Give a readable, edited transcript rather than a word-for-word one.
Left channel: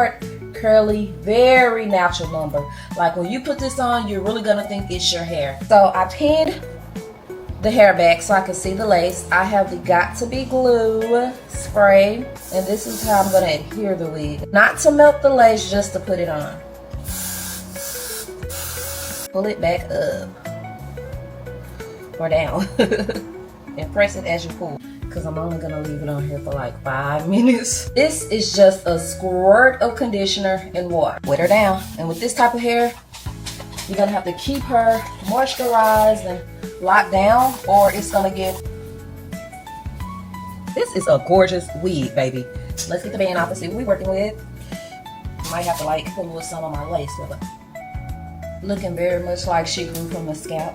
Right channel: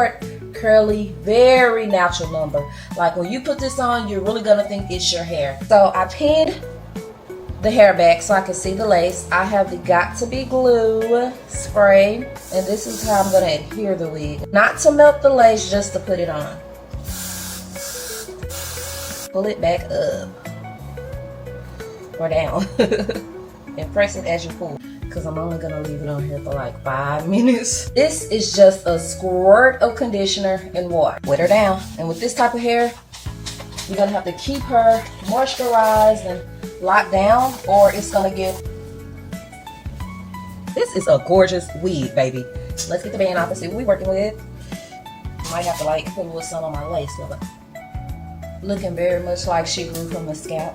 short, curly, very natural number. Like when you put this on, you're really gonna think it's your hair. So I pinned the hair back so I can see the lace. I have the Got To Be glue spray, and this is how I'm gonna adhere the wig. Not to melt the lace, just to put it on. Pull it back up or down and press it as you pull, because I'm only gonna leave it on here for like 5 minutes. This is just a squirt of conditioner and water. Wet her down, and with this type of hair, you're gonna have to keep her moisturized and locked down, or it's gonna get. This is a gorgeous wig, baby. Let's get the band off and see what we're working with. Might have to like put a little some on my lace, but looking very much like she grew from a scalp.